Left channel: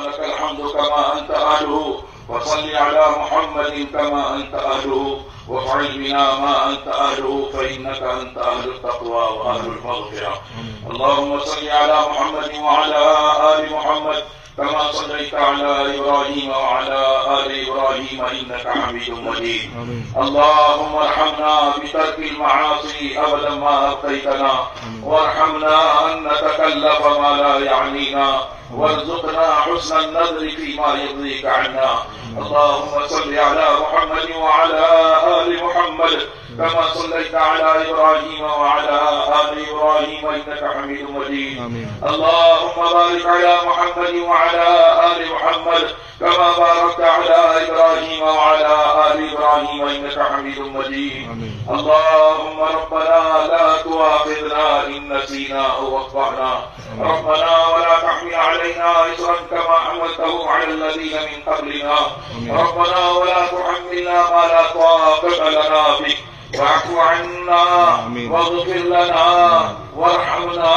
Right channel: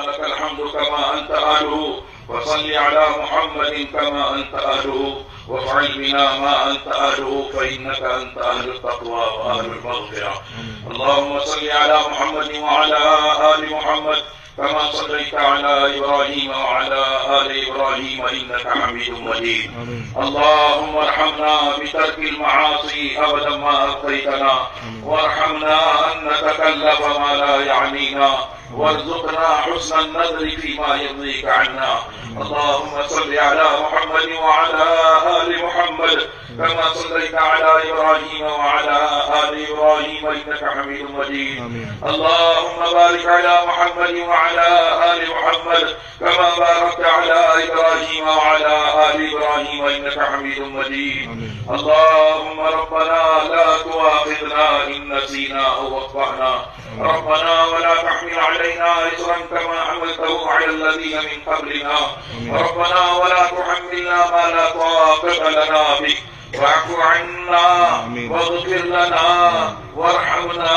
لك الحمد كما أنت أهله، وصل على محمد كما أنت أهله، وافعل بنا ما أنت أهله، فإنك أنت أهل التقوى وأهل المغفرة. اللهم صل على محمد وعلى آل محمد كما صليت على إبراهيم وعلى آل إبراهيم إنك حميد مجيد. اللهم ارحمنا بترك المعاصي أبدا ما أبقيتنا، وارحمنا أن نتكلف ما لا يعنينا، وارزقنا حسن النظر فيما يرضيك عنا. اللهم صل على محمد وعلى آل محمد كما صليت على إبراهيم وعلى آل إبراهيم إنك حميد مجيد. اللهم بارك على محمد وعلى آل محمد كما باركت على إبراهيم وعلى آل إبراهيم إنك حميد مجيد. اللهم ربنا لا تؤاخذنا إن نسينا أو أخطأنا، ربنا ولا تحمل علينا إصرا كما حملته على الذين من قبلنا، ربنا ولا تحملنا ما لا طاقة لنا به، واعف عنا واغفر لنا وارحمنا،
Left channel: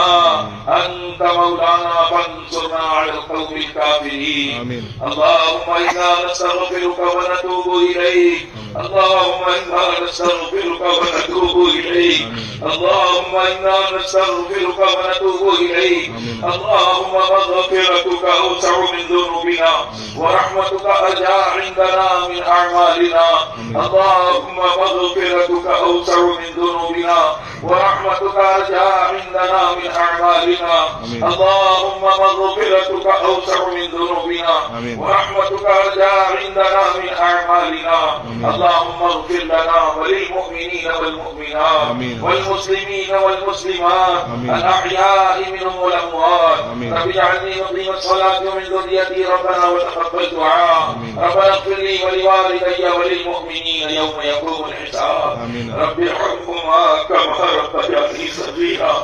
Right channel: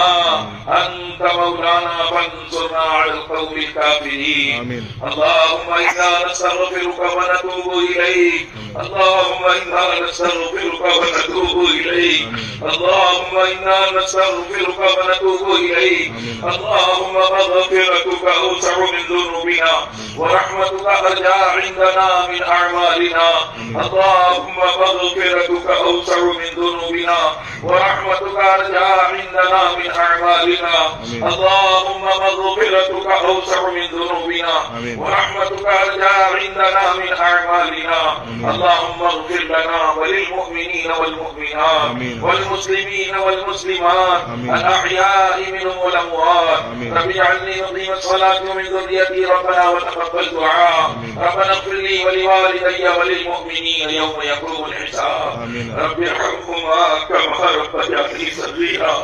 أنت مولانا فانصرنا على القوم الكافرين. اللهم إنا نستغفرك ونتوب إليك، اللهم إنا نستغفرك ونتوب إليك، اللهم إنا نستغفرك ونتوب إليك. اللهم مغفرتك أوسع من ذنوبنا، ورحمتك أرجى عندنا من أعمالنا. اللهم مغفرتك أوسع من ذنوبنا، ورحمتك أرجى عندنا من أعمالنا. اللهم مغفرتك أوسع من ذنوبنا، ورحمتك أرجى عندنا من أعمالنا. اللهم اغفر لنا وللمؤمنين والمؤمنات والمسلمين والمسلمات الأحياء منهم والأموات. رب اجعلني مقيم الصلاة ومن ذريتي ربنا وتقبل دعاء. ربنا اغفر لي ولوالدي وللمؤمنين يوم يقوم الحساب. رب ارحمهما كما ربياني صغيرا،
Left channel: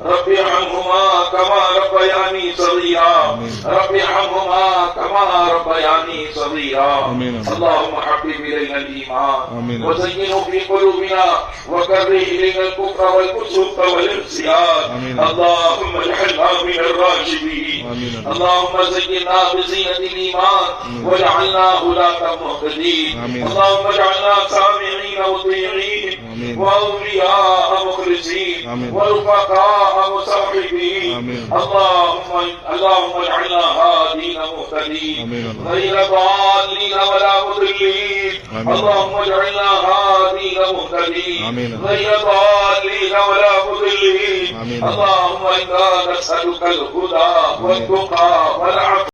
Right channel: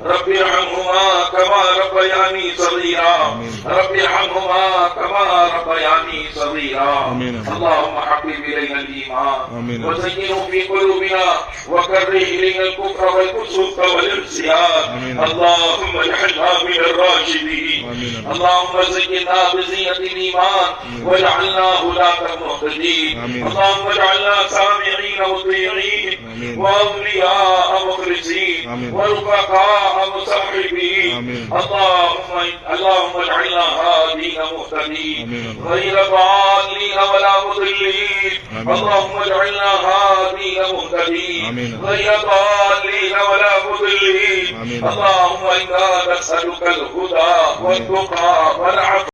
رب ارحمهما كما ربياني صغيرا، رب ارحمهما كما ربياني صغيرا. اللهم حبب إلينا الإيمان وزينه في قلوبنا، وكره إلينا الكفر والفسوق والعصيان. اللهم اجعلنا من الراشدين. اللهم زينا بزينة الإيمان واجعلنا هداة مهتدين. اللهم اجعلنا سامعين مطيعين، وأولياء مخلصين، ورفقاء مصحبين. اللهم اجعلنا هادين مهتدين غير ضالين ولا مضلين. اللهم اجعلنا هادين مهتدين غير ضالين ولا مضلين. اللهم إنا نسألك الهدى والتقى والعفو